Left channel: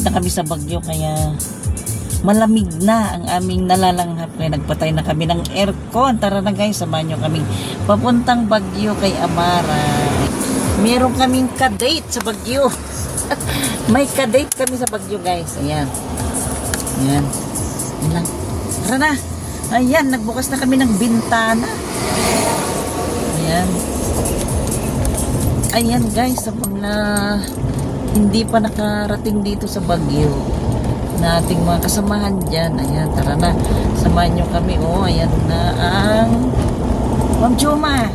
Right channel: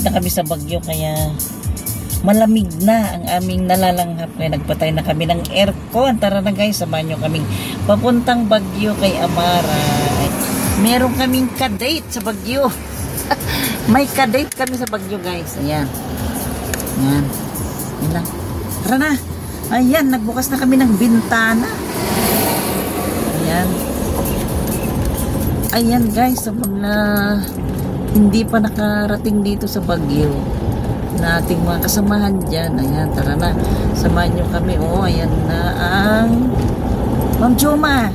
Malapit na kami sa Baguio kaya malamig na ang aming nalalanghap. Kaya nagpatay na kami ng aircon. Tara na guys, samahan nyo kaming papuntang Baguio kay Amara. Meron kaming kadate sa Baguio. May kadate kami sa Baguio guys. Ayan. Ayan. Ayan. Tara na. Ayan, nagbukas na kami ng bintana. Ayan. Ayan guys, sa mga hindi pa nakarating dito sa Baguio na ating mga kasamahan dyan. Ayan, tara na. Samahan nyo kami. Oh, ayan na ang Ma'am Joma.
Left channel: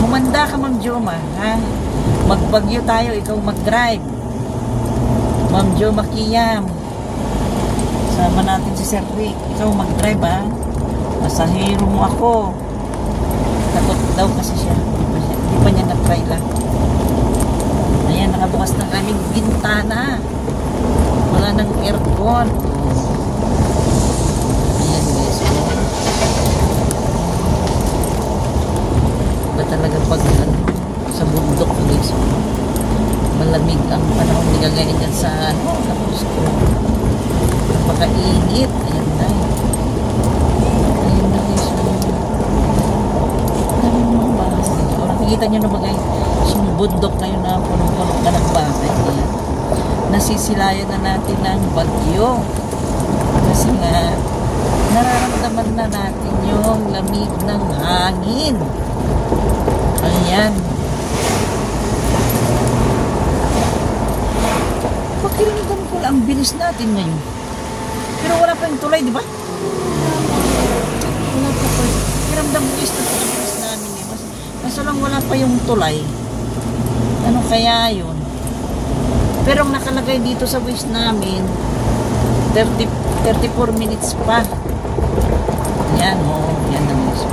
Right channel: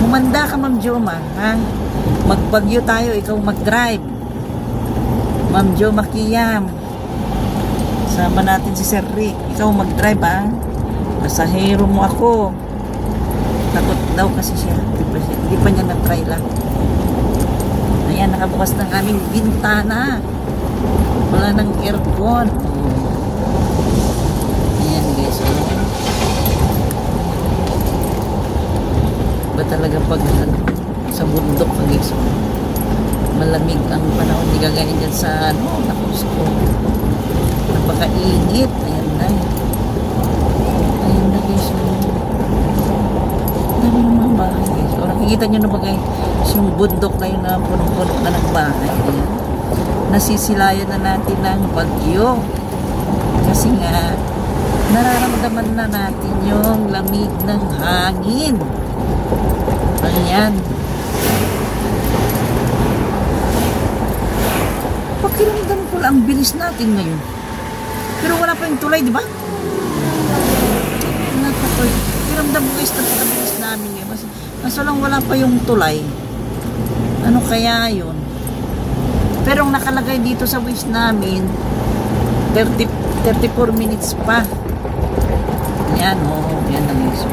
Umanda ka, Ma'am Joma. Ha? Magbagyo tayo. Ikaw mag-drive. Ma'am Joma Kiyam. Sama natin si Sir Rick. Ikaw mag-drive, ha? Pasahero mo ako. Takot daw kasi siya. Hindi pa niya na-try lang. Ayan, nakabukas ng aming bintana. Wala ng aircon. Ayan guys. Ba talaga pag sa bundok guys. Malamig ang panahon. Hindi kagaya dyan sa tapos napakainit. Ayan na. Ayan na guys. Dami ng mga bakas dito. Nakikita nyo naman guys yung bundok na yun na punong-punong na nagbahay. Ayan. Nasisilayan na natin ng bagyo kasi nga nararamdaman na natin yung lamig ng hangin. Ayan, pakiramdam ko lang bilis natin ngayon pero wala pa yung tulay, di ba? Pakiramdam ko guys na bilis namin eh. Mas wala pa yung tulay. Ano kaya yun? Pero ang nakalagay dito sa waste namin 34 minutes pa. Yan, oh, yan na guys.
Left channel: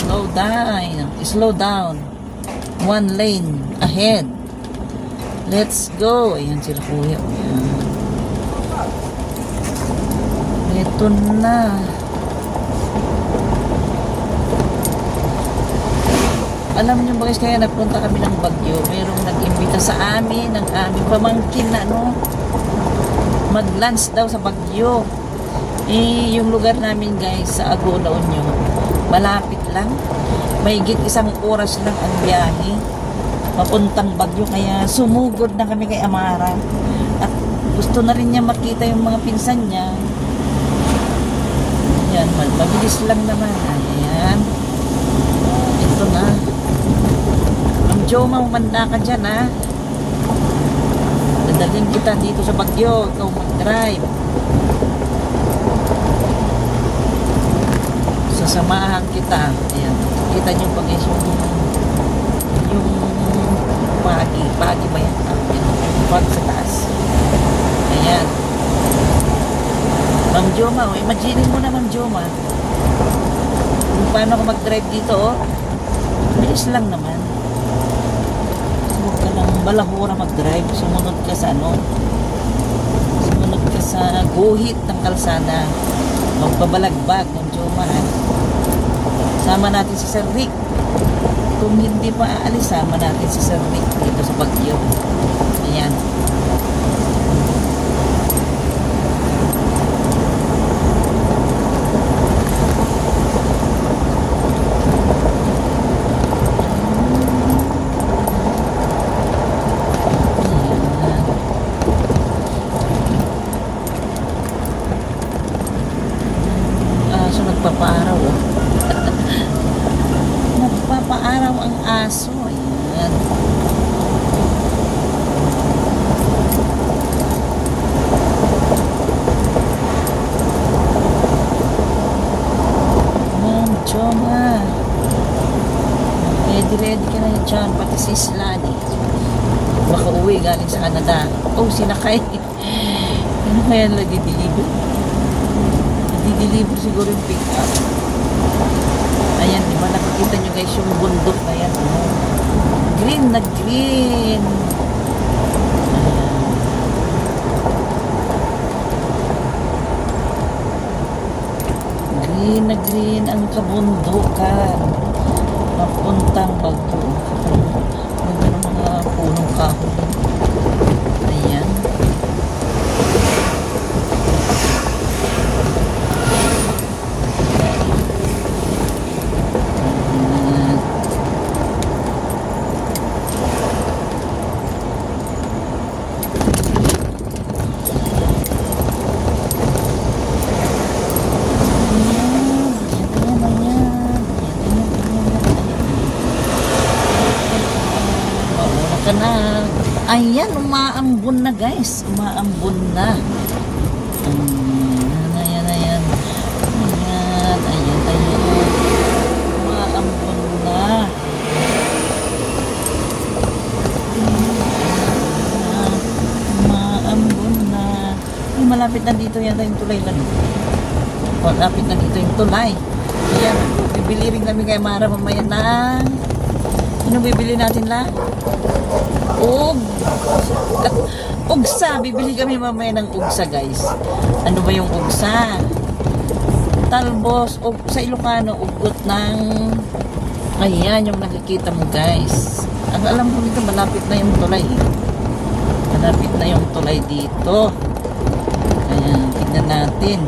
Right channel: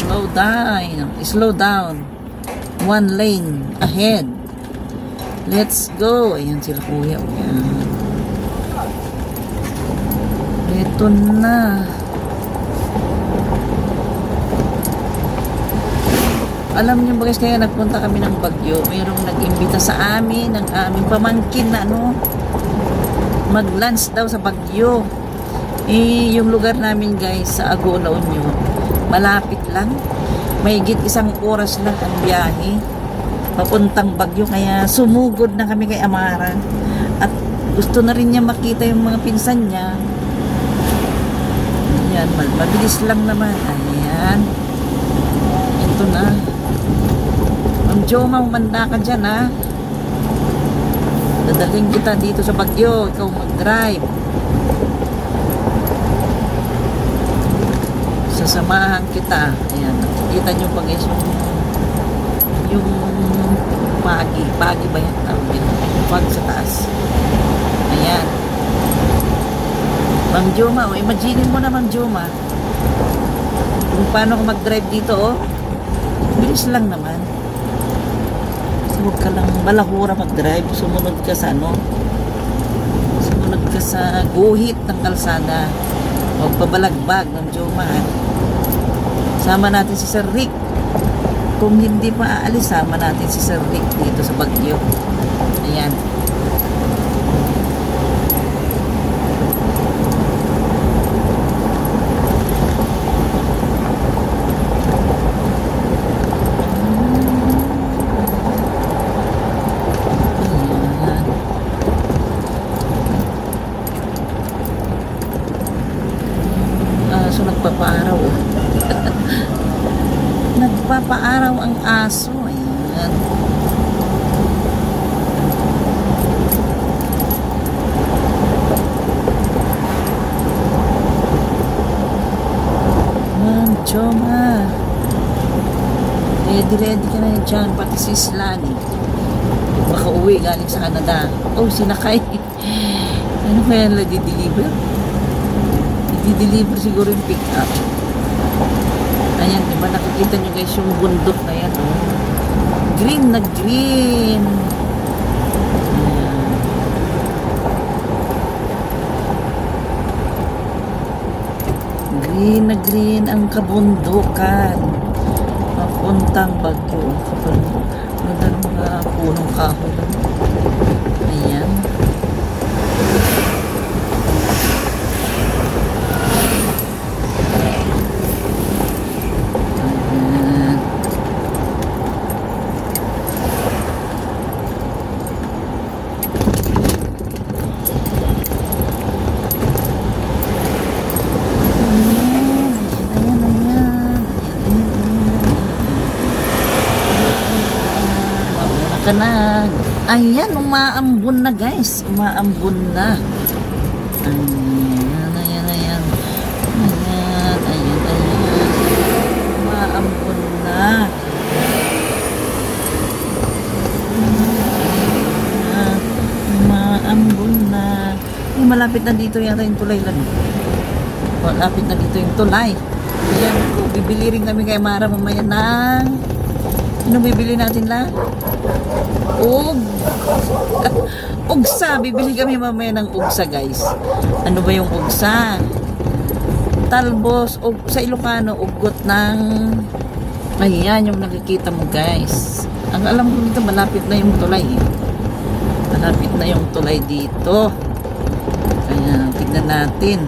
Oh. Slow down. One lane ahead. Let's go. Ayan sila kuya. Ayan. Ito na. Alam niyo ba guys, kaya nagpunta kami ng Baguio, merong nag-imbita sa amin ng aming pamangkin na mag-lunch daw sa Baguio. Eh, yung lugar namin guys sa Agona Union, malapit lang, mahigit 1 oras lang ang biyahe papuntang Baguio. Kaya sumugod na kami kay Amara at gusto na rin niya makita yung mga pinsan niya. Ayan, mabilis lang naman. Ayan, ito na. Joma, umanda ka dyan, ha? Dadalhin kita dito sa Baguio. Ikaw mag-drive. Sasamahan kita. Ayan. Kita nyo pag yung pagi ba yan? Yung pagi sa taas. Ayan. Ma'am Joma, imagine mo na Ma'am Joma kung paano ka mag-drive dito, oh. Bilis lang naman. Huwag ka lang malahura mag-drive. Sumunod ka sa sumunod ka sa guhit ng kalsada. Huwag pabalagbag ng Joma. Sama natin si Sir Rick. Kung hindi pa aalis, sama natin si Sir Rick dito sa Baguio. Ayan. Nagpapaaraw ang aso. Ayan. Ma'am Joma, ready ka na dyan. Pati si Slani makauwi galing sa Canada. Oh, sinakay. Ano kaya nila di-deliver? Di-deliver siguro yung pick up. Ayan, diba nakikita nyo guys yung bundok na yan. Green na green. Green na green ang kabundukan. Papuntang Baguio. Kapag mga punong kahoy. umaambon na guys. Umaambon na. Ayan, ayan, ayan. Ayan, ayan, ayan. Umaambon na. Umaambon na. Malapit na dito yata yung tulay lang. Malapit na dito yung tulay. Ayan, bibili rin kami kay Mara mamaya ng... Anong bibili natin lang? Ugsa. Bibili kami mamaya ng ugsa guys. Ano ba yung ugsa? Talbos. Sa Ilocano, ugot ng... Ayan yung nakikita mo guys. Ang alam ko dito, malapit na yung tulay. Malapit na yung tulay dito. Ayan, tignan natin.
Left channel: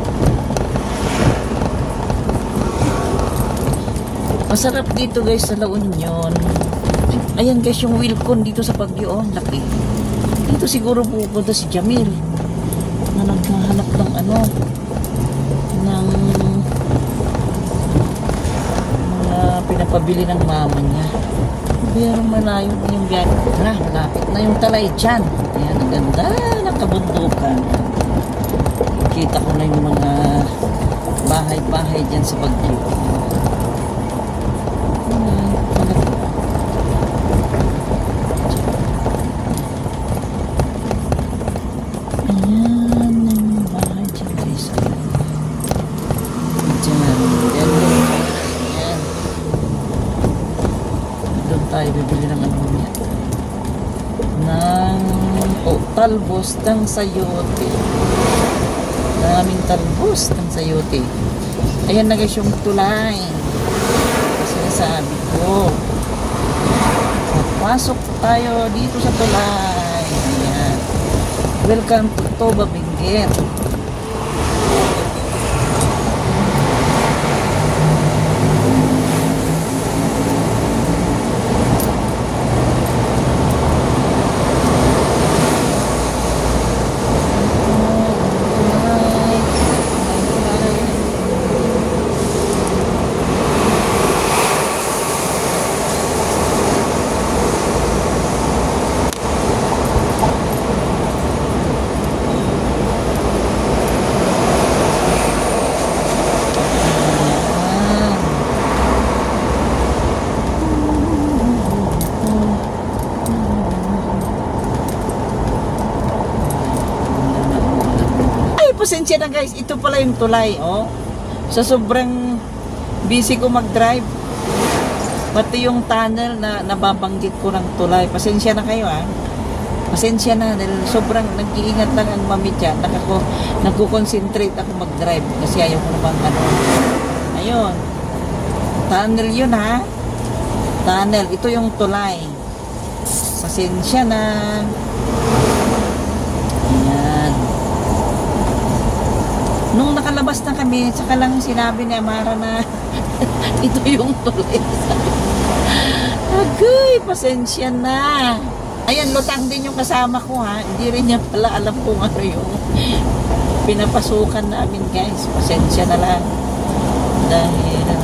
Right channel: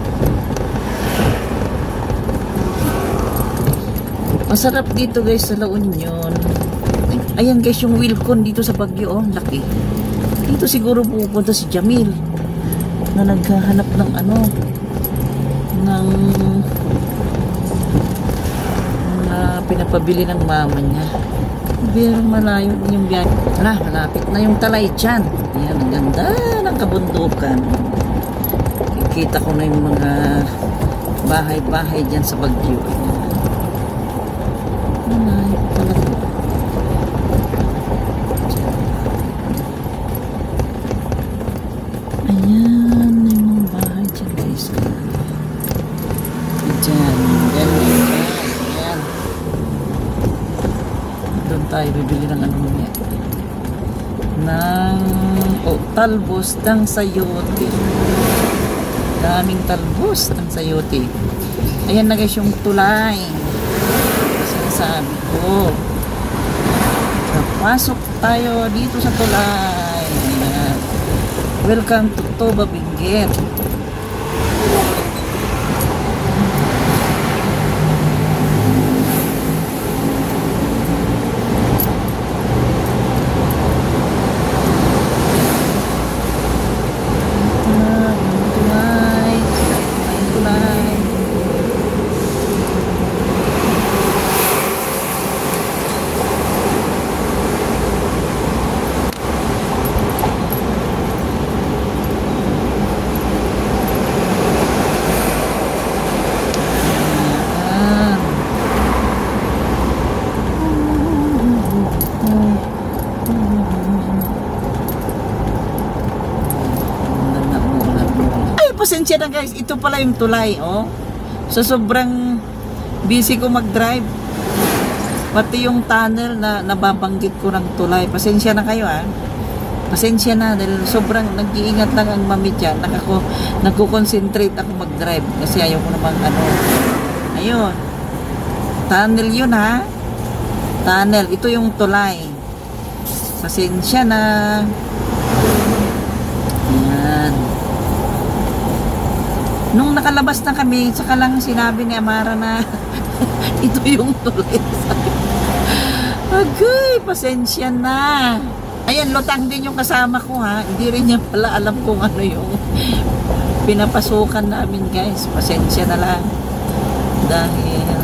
Masarap dito guys sa La Union. Ayan guys yung Wilcon dito sa Baguio. Oh, laki. Dito siguro pupunta si Jamil na naghahanap ng ano ng pinapabili ng mama niya. Pero malayo din yung biyahe. Tara, malapit na yung Talay dyan. Ayan, ang ganda ng kabundukan. Kita ko na yung mga bahay-bahay dyan sa Baguio. Talbos ng sayote. Daming talbos ng sayote. Ayan na guys yung tulay. Sinasabi ko. Napasok tayo dito sa tulay. Ayan. Welcome to Toba Benguet. Pasensya na guys, ito pala yung tulay, oh. Sa sobrang busy ko mag-drive, pati yung tunnel na nababanggit ko ng tulay. Pasensya na kayo, ah. Pasensya na dahil sobrang nag-iingat lang ang mami dyan. Nagko-concentrate ako mag-drive kasi ayaw ko naman ano. Ayun. Tunnel yun, ha. Tunnel, ito yung tulay. Pasensya na. Nung nakalabas na kami, saka lang sinabi ni Amara na ito yung tulay. Okay, pasensya na. Ayan, lutang din yung kasama ko, ha. Hindi rin niya pala alam kung ano yung pinapasukan namin guys. Pasensya na lang. Dahil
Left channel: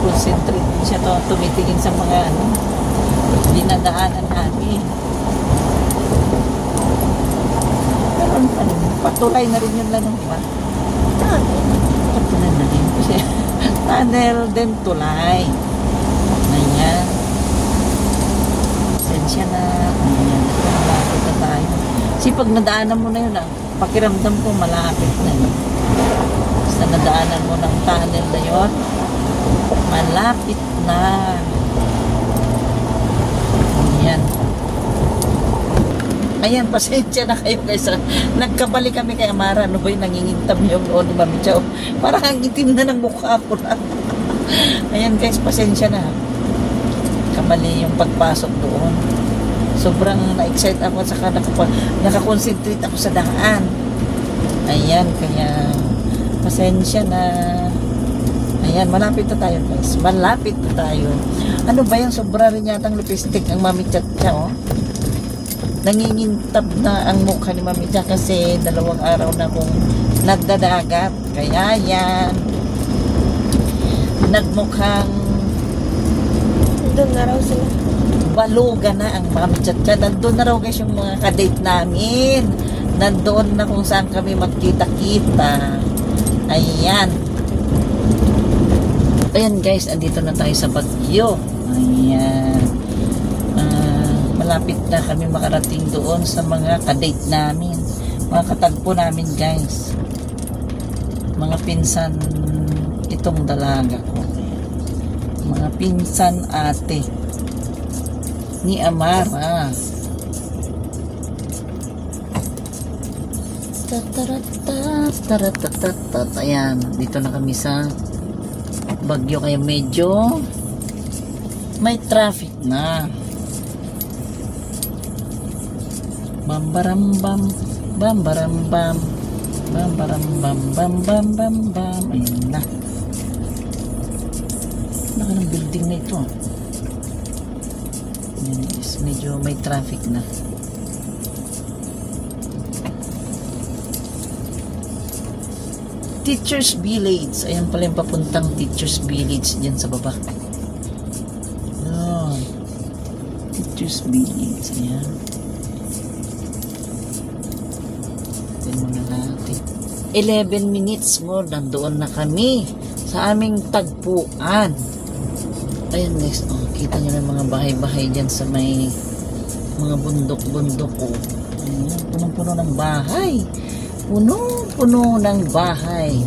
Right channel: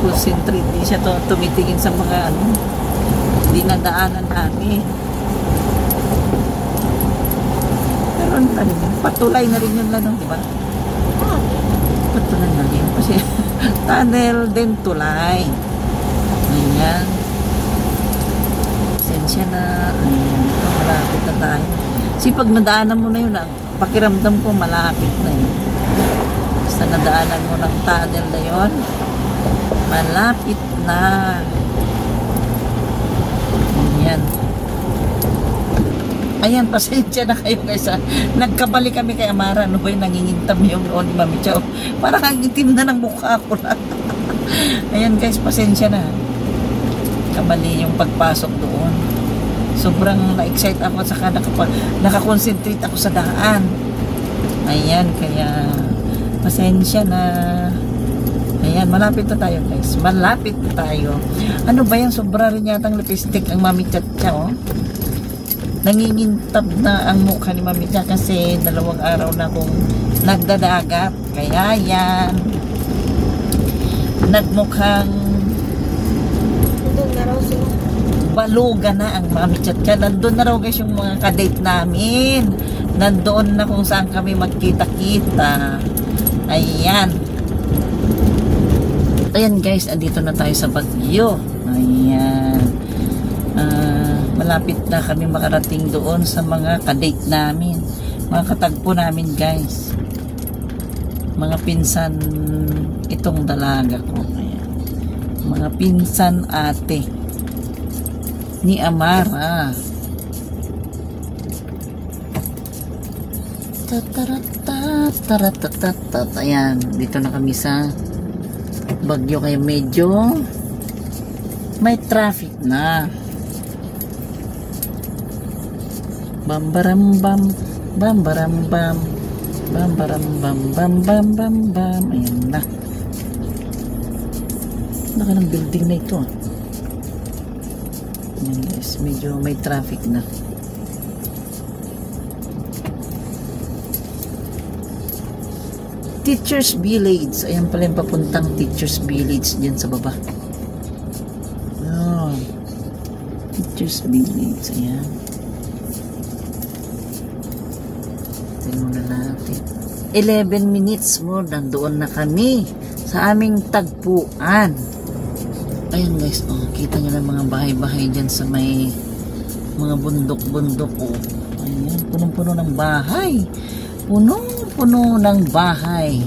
concentrate din siya tumitingin sa mga dinadaanan namin. Patulay na rin yung lanong, di ba? Patulay na rin. Kasi tunnel, then tulay. Ayan. Pasensya na. Ayan. Malapit na tayo. Kasi pag nadaanan mo na yun, pakiramdam ko malapit na yun. Basta nadaanan mo ng tunnel na yun, malapit na. Ayan. Ayan, pasensya na kayo guys. Nagkabali kami kay Amara. Ano ba yung nangingintab yung noon ni Mami Chow? Parang ang itim na ng mukha ko na. Ayan guys, pasensya na. Kabali yung pagpasok doon. Sobrang na-excite ako at saka nakakonsentrate ako sa daan. Ayan, kaya pasensya na. Ayan, malapit na tayo guys. Malapit na tayo. Ano ba yan? Sobra rin yatang lipstick ang Mami Chow. Nangingintab na ang mukha ni Mami Cha kasi 2 araw na akong nagdadagat. Kaya yan, nagmukhang doon na raw sila. Baluga na ang mga michatcha. Nandun na raw guys yung mga kadate namin. Nandoon na kung saan kami magkita-kita. Ayan. Ayan guys, andito na tayo sa Baguio. Ayan. Malapit na kami makarating doon sa mga kadate namin. Mga katagpo namin guys. Mga pinsan itong dalaga ko. Ayan. Mga pinsan ate ni Amara. Ayan, dito na kami sa Baguio, kaya medyo may traffic na. Bambarambam, bambarambam, bambarambam, bam. Ayan na. Baka ng building na ito. Ayan guys, medyo may traffic na. Teachers Village. Ayan pala yung papuntang Teachers Village dyan sa baba. Oh. Teachers Village. Ayan. Tingnan muna natin. 11 minutes more. Nandoon na kami sa aming tagpuan. Ayan guys. Oh, kita nyo na mga bahay-bahay dyan sa may mga bundok-bundok. Oh. Ayan. Punong-puno ng bahay. Puno ng bahay.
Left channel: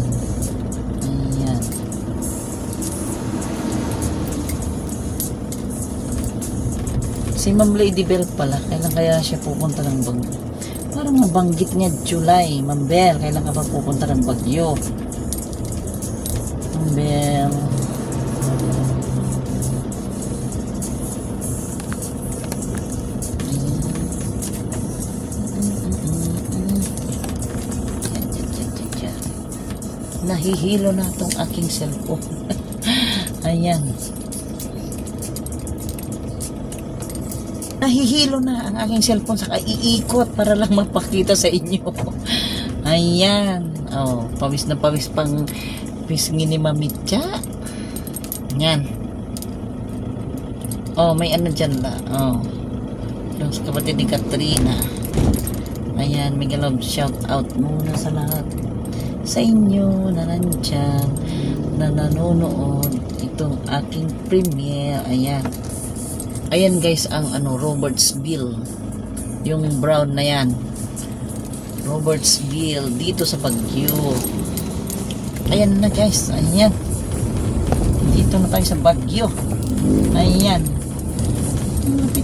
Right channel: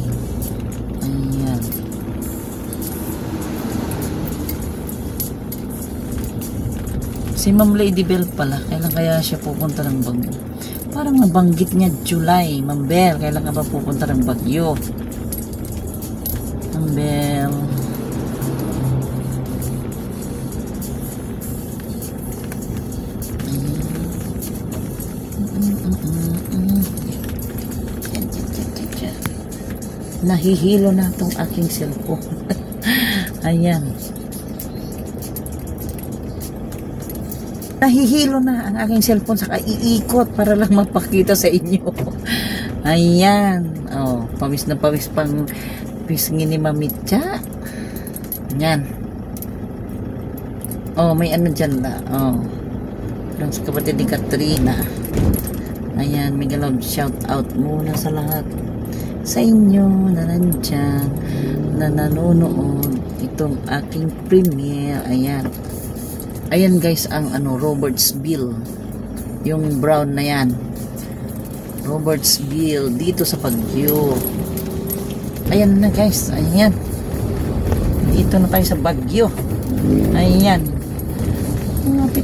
Ayan. Si Ma'am Lady Bell pala, kailan kaya siya pupunta ng Baguio? Parang nabanggit niya July. Ma'am Bell, kailan ka ba pupunta ng Baguio? Ma'am Bell. Nahihilo na itong aking cellphone. Ayan. Nahihilo na ang aking cellphone, saka iikot para lang mapakita sa inyo. Ayan. Oh, pawis na pawis pang pisngi ni Mamitcha. Ayan. Oh, may ano dyan na. Oh. Yung sa kapatid ni Katrina. Ayan, may galog shout out muna sa lahat sa inyo na nandyan, na nanonood itong aking premiere. Ayan. Ayan guys, ang Robertsville. Yung brown na yan. Robertsville, dito sa Baguio. Ayan na guys, ayan. Dito na tayo sa Baguio. Ayan.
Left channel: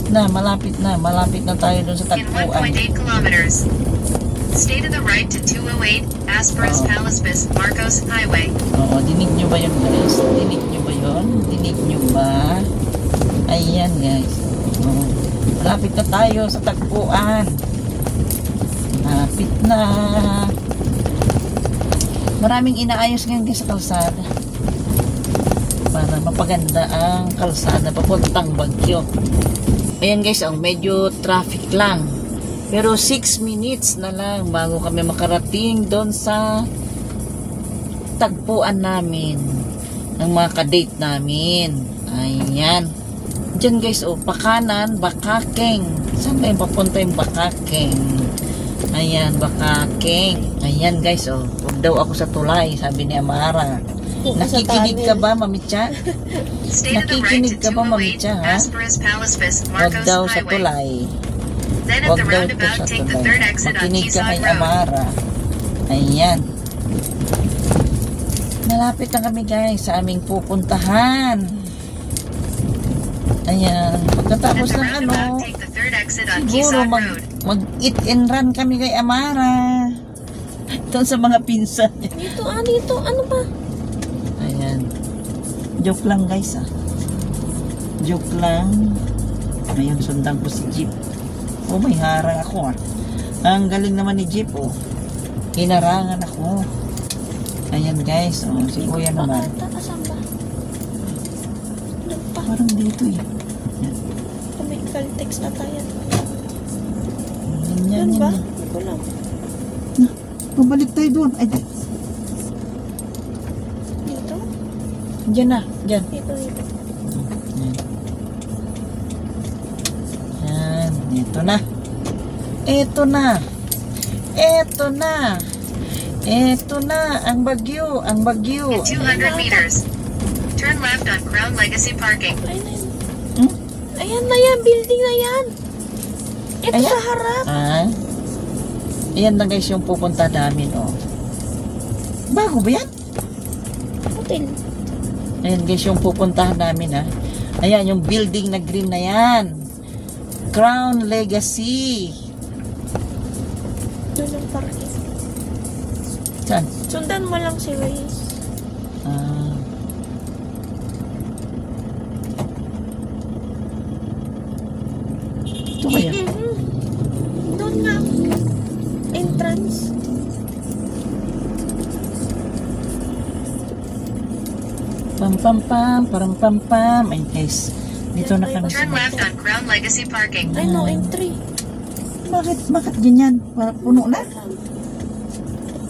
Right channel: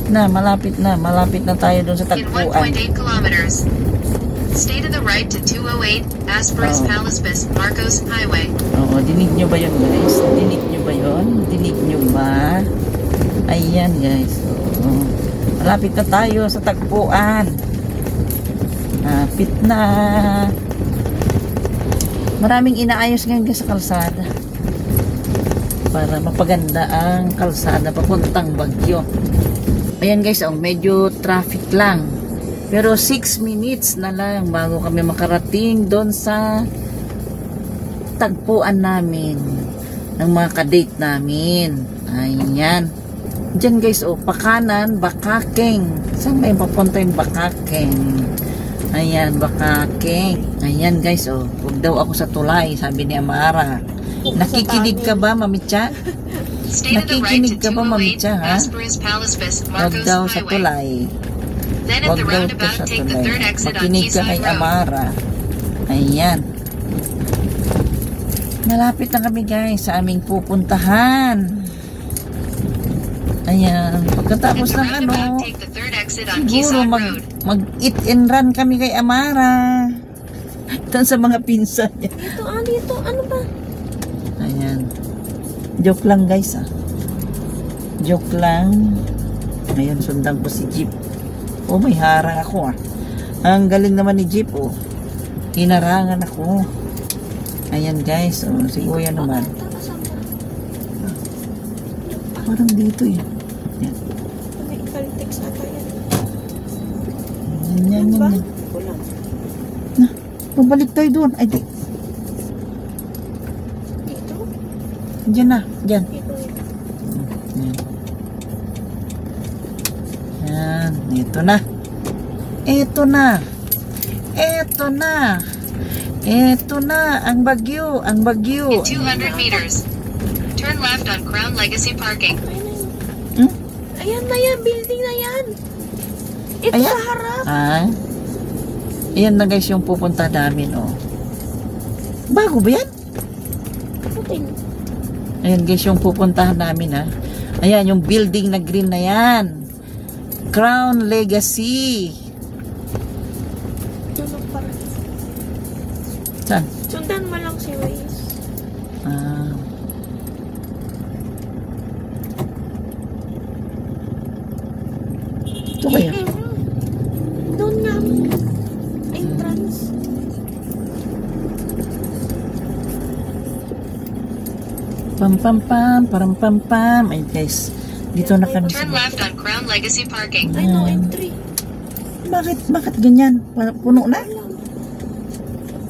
Malapit na tayo doon sa tagpuan. In 1.8 kilometers. Stay to the right to 208 Asperas Palaspis Marcos Highway. Oo, dinig nyo ba yun guys? Dinig nyo ba yun? Dinig nyo ba? Ayan guys. Oo. Malapit na tayo sa tagpuan. Malapit na. Maraming inaayos ngayon guys sa kalsada. Para mapaganda ang kalsada papuntang Baguio. Ayan guys, medyo traffic lang. Pero 6 minutes na lang bago kami makarating doon sa tagpuan namin ng mga kadate namin. Ayan. Diyan guys, pakanan, Bakakeng. Saan ba yung papunta yung Bakakeng? Ayan, Bakakeng. Ayan guys, huwag daw ako sa tulay, sabi ni Amara. Nakikinig ka ba, Mamitcha? Nakikinig ka ba, Mamitcha, ha? Huwag daw sa tulay. Huwag daw po sa tulay. Makinig ka kay Amara. Ayan. Malapit na kami guys sa aming pupuntahan. Ayan. Pagkatapos ng siguro mag eat and run kami kay Amara. Doon sa mga pinsan niya. Dito, ano ba? Ayan. Joke lang guys Joke lang. Ayan, sundan ko si Jeep. May harang ako Ang galing naman ni Jeep Hinarangan ako. Ayan guys, si Kuya naman. Parang dito Ayan. May Caltex na tayo. Yan. Ito lang. Pabalik tayo doon. Ay, di. Dito? Diyan na. Diyan. Dito. Ayan, ito na. Ito na. Ito na. Ito na, ang bagyo, ang bagyo. In 200 meters, turn left on Crown Legacy Parking. Ayun na yun. Ayan na yan, building na yan. Ito Ayan. sa harap. Ah, ayan na guys yung pupunta namin, oh. Bago ba yan? Putin. Ayan guys yung pupuntahan namin, ha. Ayan yung building na green na yan. Crown Legacy. Doon ang parking. Saan? Sundan mo lang si Waze. Ah. Ito kaya? Doon nga. Entrance. Pam pam pam, param pam pam. Ay guys, dito na kami. Turn left on Crown Legacy Parking. Ay, no entry. Bakit ganyan? Puno na?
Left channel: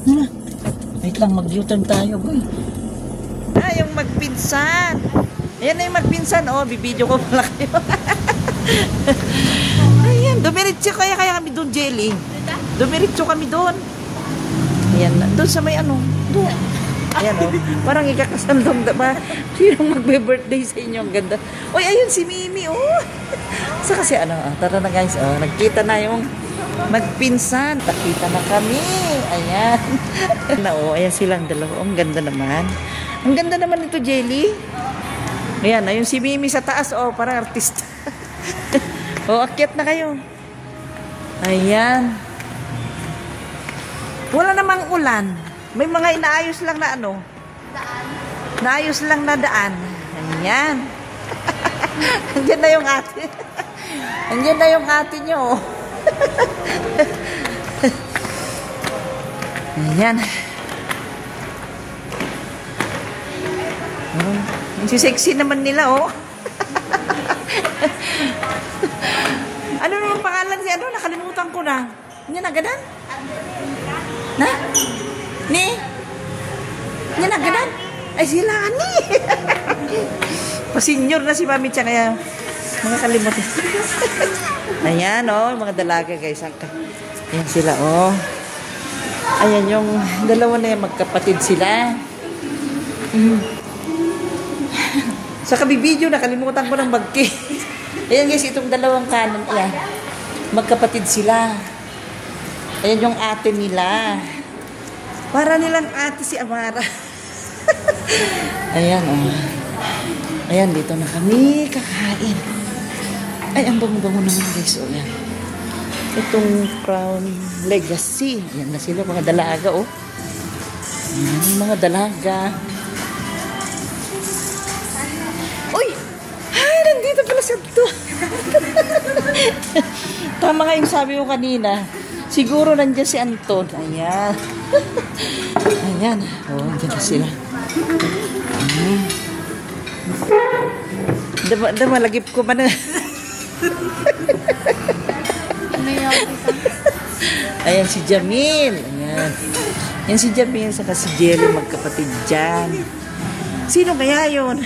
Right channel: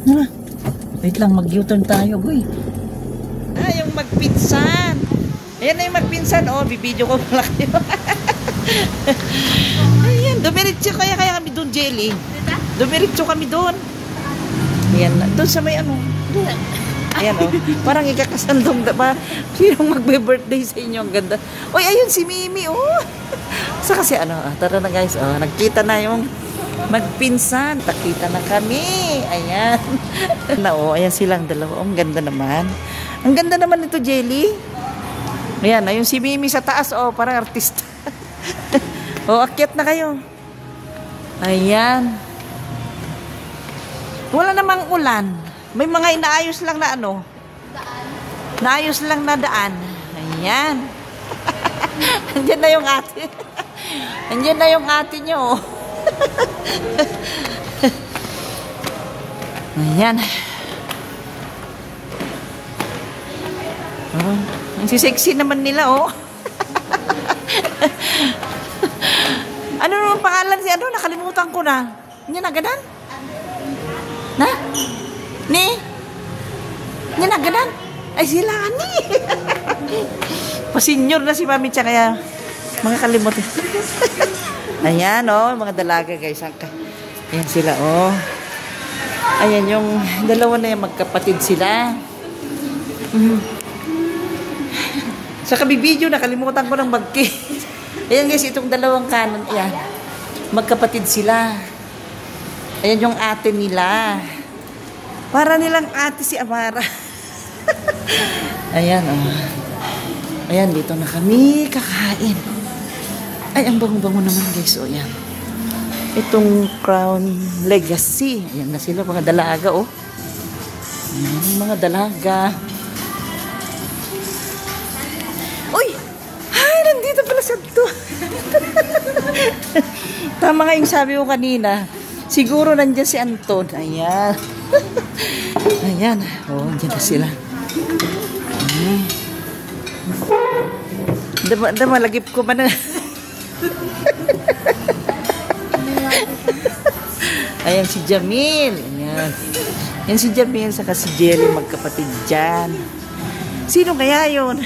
Ano? Wait lang, mag-U-turn tayo, boy. Yung magpinsan. Ayan na yung magpinsan. Oh, bibidyo ko pala kayo. Ayan, dumiritso kaya kami doon, Jelly. Dumiritso kami doon. Ayan, doon sa may ano. Doon. Ayan, oh. Parang ikakasandong ba? Sinong magbe-birthday sa inyo? Ang ganda. Uy, ayun si Mimi, oh. Sa kasi ano, tara na guys. Oh, nagkita na yung magpinsan. Nakita na kami. Ayan. Oo, ayan silang dalawa. Ang ganda naman. Ang ganda naman ito, Jelly. Ayan, ayun si Mimi sa taas. Oh, parang artista. Oh, akyat na kayo. Ayan. Wala namang ulan. May mga inaayos lang na ano. Naayos lang na daan. Ayan. Andiyan na yung ate. Andiyan na yung ate nyo. Ayan. Oh, ang sisexy naman nila, oh. Ano naman pangalan siya? Ano? Nakalimutan ko na. Hindi na ganan? Na? Ni? Hindi na ganan? Ay, sila, ni. Pasenyor na si Mami Cha, kaya mga kalimutan. Ayan, oh, mga dalaga, guys. Ayan sila, oh. Ayan yung dalawa na yung magkapatid sila. Sa kabibidyo, nakalimutan ko ng bagki. Ayan guys, itong dalawang kanan, yan. Magkapatid sila. Ayan yung ate nila. Para nilang ate si Amara. Ayan, oh. Ayan, dito na kami kakain. Ay, ang bango-bango naman guys. O, yan. Itong Crown Legacy. Ayan na sila, mga dalaga, oh. Mga dalaga. Uy! Ay, nandito pala sa to. Tama nga yung sabi ko kanina. Siguro nandiyan si Anton. Ayan. Ayan. Oh, nandiyan na sila. Ayan. Malagip ko ba na? Ayan si Jamil. Ayan. Yan si Jamil saka si Jelly, magkapatid dyan. Sino kaya yun?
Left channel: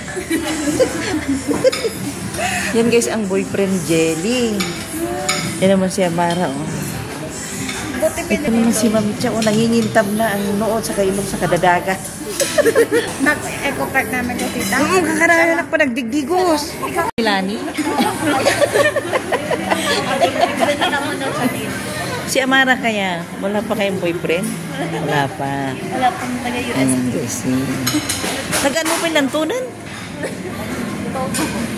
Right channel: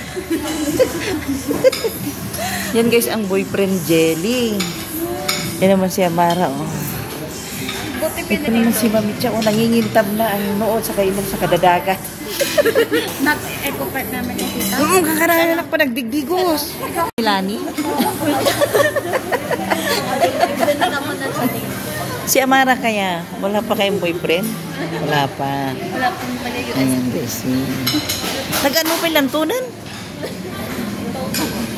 Yan guys ang boyfriend Jelly. Yan naman si Amara, oh. Ito naman si Mami Cha, oh, nangingintab na ang noon sa kailong sa kadadagat. Nag-eco-park namin yung tita. Oo, kakaranak pa nagdigdigos. Lani? Si Amara kaya, wala pa kayong boyfriend? Wala pa. Wala pang maliliit. Ayan, busy. Nag-ano pa yung lantunan?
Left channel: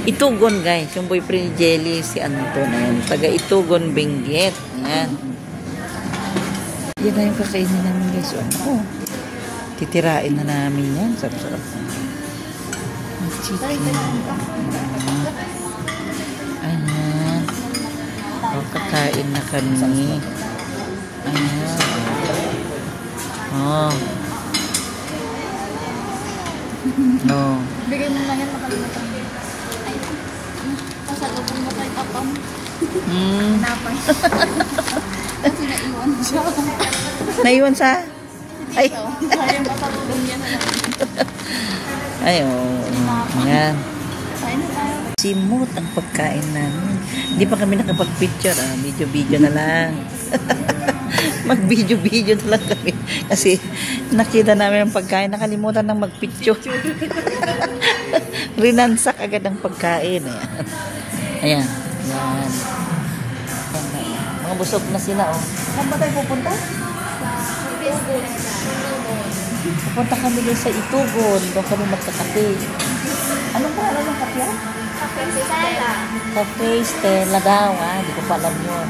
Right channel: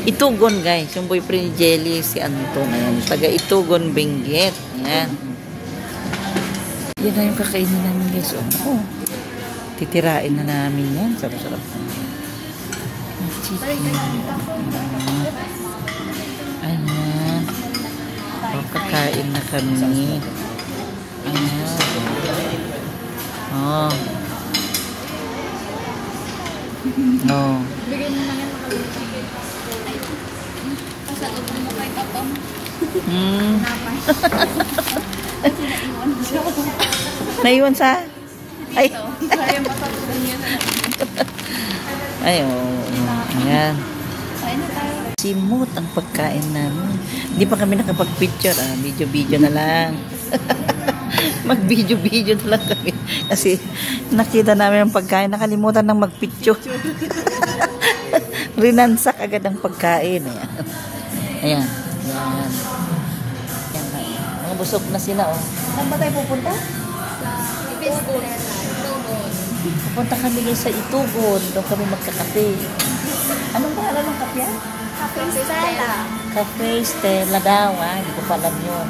Itugon, guys. Yung boyfriend ni Jelly, si Anton. Taga Itugon, Benguet. Ayan. Yan na yung kakainin namin, guys. Oh. Titirain na namin yan. Sarap-sarap. Chicken. Ayan. Oh, kakain na kami. Ayan. Oh. No. Bigay mo na yan, makalimutan mo. Ay, pasal ko mo kay kapam. Napay. Kasi naiwan siya. Naiwan sa? Ay. Sayang matapos yan. Ay, oh. Ayan. Kain na tayo. Simot ang pagkain namin. Hindi pa kami nakapag-picture. Video-video na lang. Mag-video-video na lang kami. Kasi nakita namin ang pagkain. Nakalimutan ng mag-picture. Rinansak agad ang pagkain. Ayan. Busog na sila. Saan ba tayo pupunta? Pupunta kami doon sa Itugon. Doon kami magsakape. Ano ba alam mo kape? Cafe Stella. Cafe Stella daw. Hindi ko pa alam yun.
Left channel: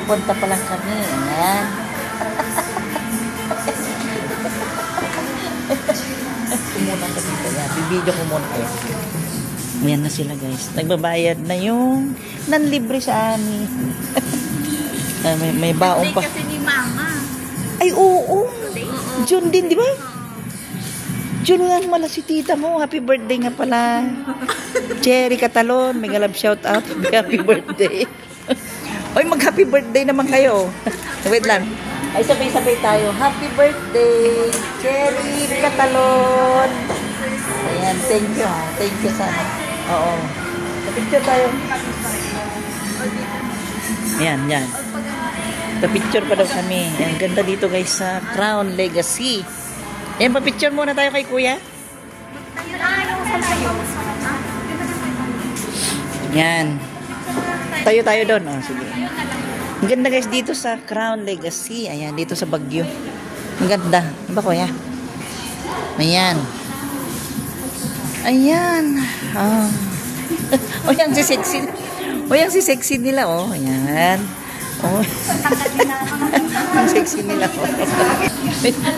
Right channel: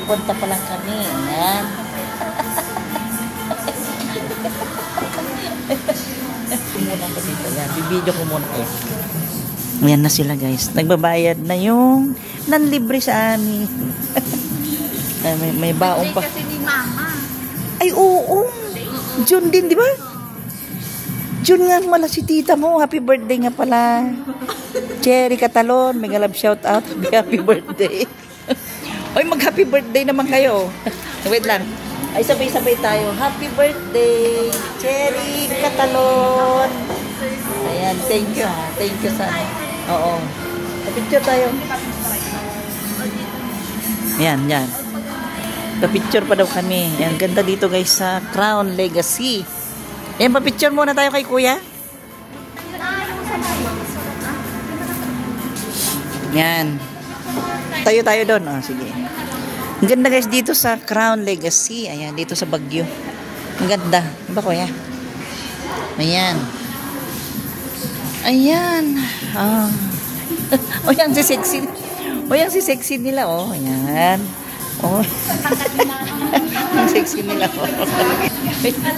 Pupunta pala kami. Ayan. Video ko muna. Ayan na sila guys. Nagbabayad na yung nanlibre sa amin. May baong pa. Kasi ni Mama. Ay, oo. June din, di ba? June nga pala si tita mo. Happy birthday nga pala. Cherry Catalon. Mega love shout out. Happy birthday. Oy, mag-happy birthday naman kayo. Wait lang. Ay, sabay-sabay tayo. Happy birthday, Cherry Catalon. Ayan, thank you ha. Thank you sa... Oo. Picture tayo. Ayan, yan. Pa-picture pa daw kami. Ang ganda dito guys sa Crown Legacy. Ayan, pa-picture muna tayo kay kuya. Yan. Tayo doon. Oh, sige. Ang ganda guys dito sa Crown Legacy. Ayan, dito sa Baguio. Ang ganda. Ba kuya? Ayan. Ayan. Oh. O yan si sexy. O yan si sexy nila. Oh, ayan. Oh. Ang sexy nila. Oh. Wait lang.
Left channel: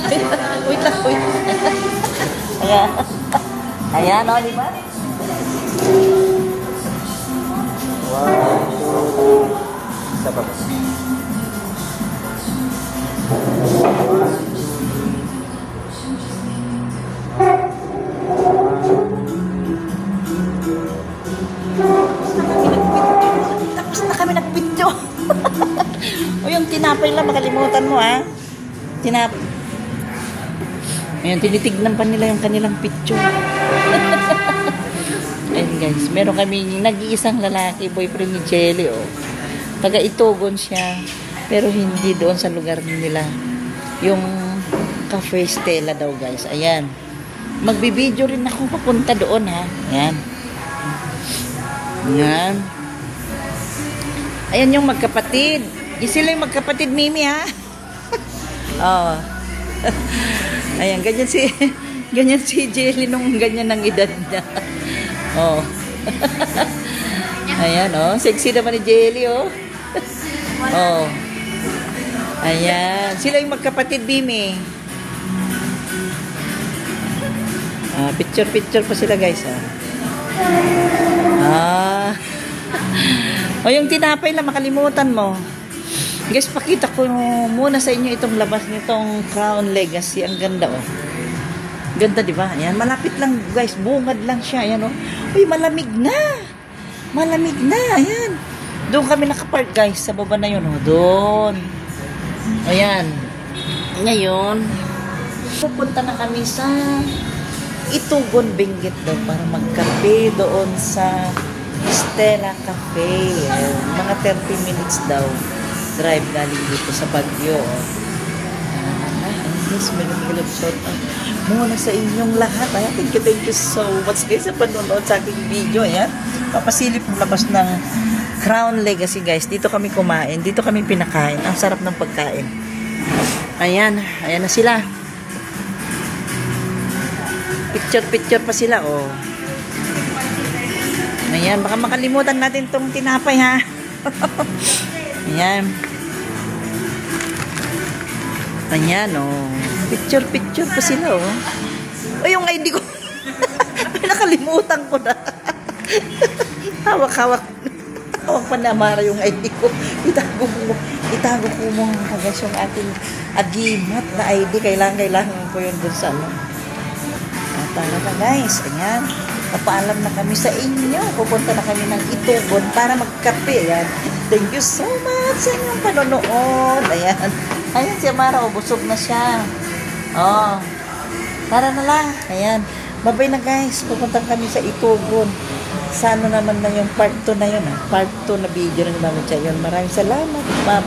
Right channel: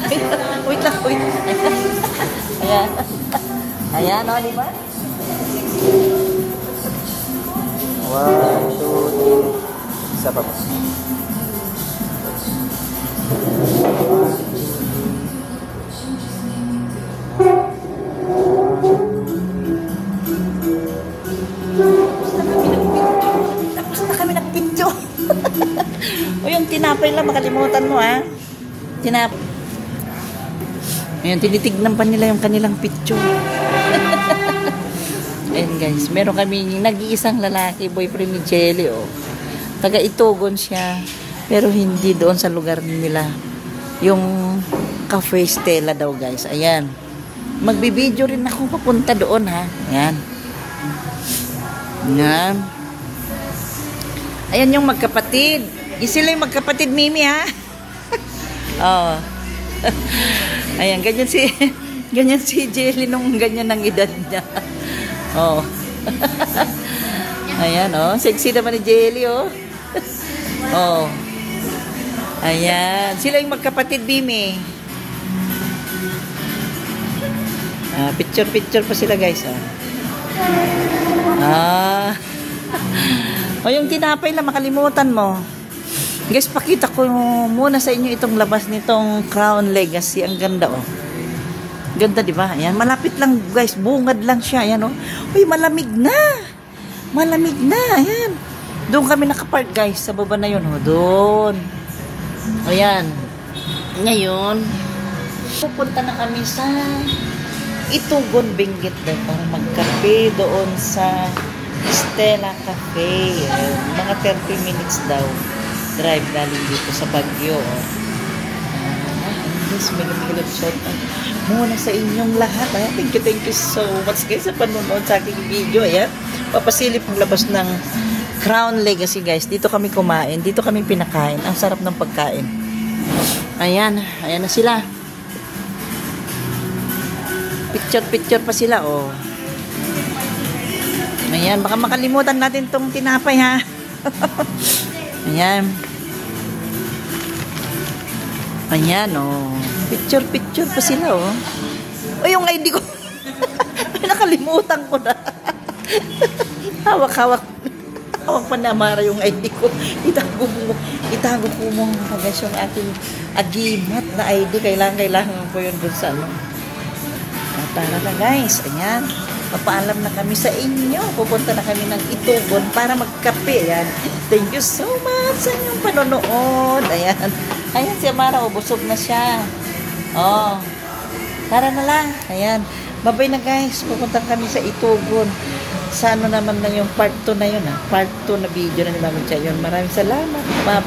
Ayan. Ayan, o, diba? Wow. Isa pa. Tapos na kami nagpicture. O yung tinapay lang, makalimutan mo ha. Tinapay. Ayan, tinitignan pa nila yung kanilang picture. Ayan guys, meron kaming nag-iisang lalaki, boyfriend ni Jelly. Oh. Taga Itugon siya, pero hindi doon sa lugar nila. Yung Cafe Stella daw guys. Ayan. Magbibideo rin ako papunta doon ha. Ayan. Ayan. Ayan yung magkapatid. Di sila yung magkapatid Mimi ha. Oh. Ayan, ganyan si Jelly nung ganyan ng edad niya. Oh. Ayan oh, sexy naman ni Jelly oh. Oh. Ayan, sila yung magkapatid Mimi. Picture pa sila guys O yung tinapay lang makalimutan mo guys. Pakita ko muna sa inyo itong labas nitong Crown Legacy. Ang ganda oh. Ganda diba? Ayan, malapit lang guys, bungad lang siya. Ayan oh. Uy, malamig na. Ayan, doon kami nakapark guys, sa baba na yun oh. Doon. Ayan. Ngayon pupunta na kami sa Itugon, Benguet na para magkape doon sa Stella Cafe. Mga 30 minutes daw drive natin dito sa Baguio. Yes, may shout out muna sa inyong lahat. Thank you so much guys sa panonood sa aking video. Ayan, papasilip ng labas ng Crown Legacy guys. Dito kami kumain, dito kami pinakain. Ang sarap ng pagkain. Ayan na sila. Picture pa sila oh. Ayan, baka makalimutan natin tong tinapay ha. Ayan oh. Picture pa sila oh. O yung ID ko. Nakalimutan ko na. Hawak pa na Mara yung ID ko. Itago ko mo guys yung ating agimat na ID. Kailangan po yun dun sa ano. Tara na guys, ayan. Papaalam na kami sa inyo. Pupunta na kami ng Itugon para magkape. Ayan. Thank you so much sa inyong panonood. Ayan. Ayan si Amara, busog na siya. Oh. Tara na lang. Ayan. Bye-bye na guys. Pupunta kami sa Itugon. Sa ano naman na yung part 2 na yun. Part 2 na video na ni Mama Chay yun. Maraming salamat. Bye-bye.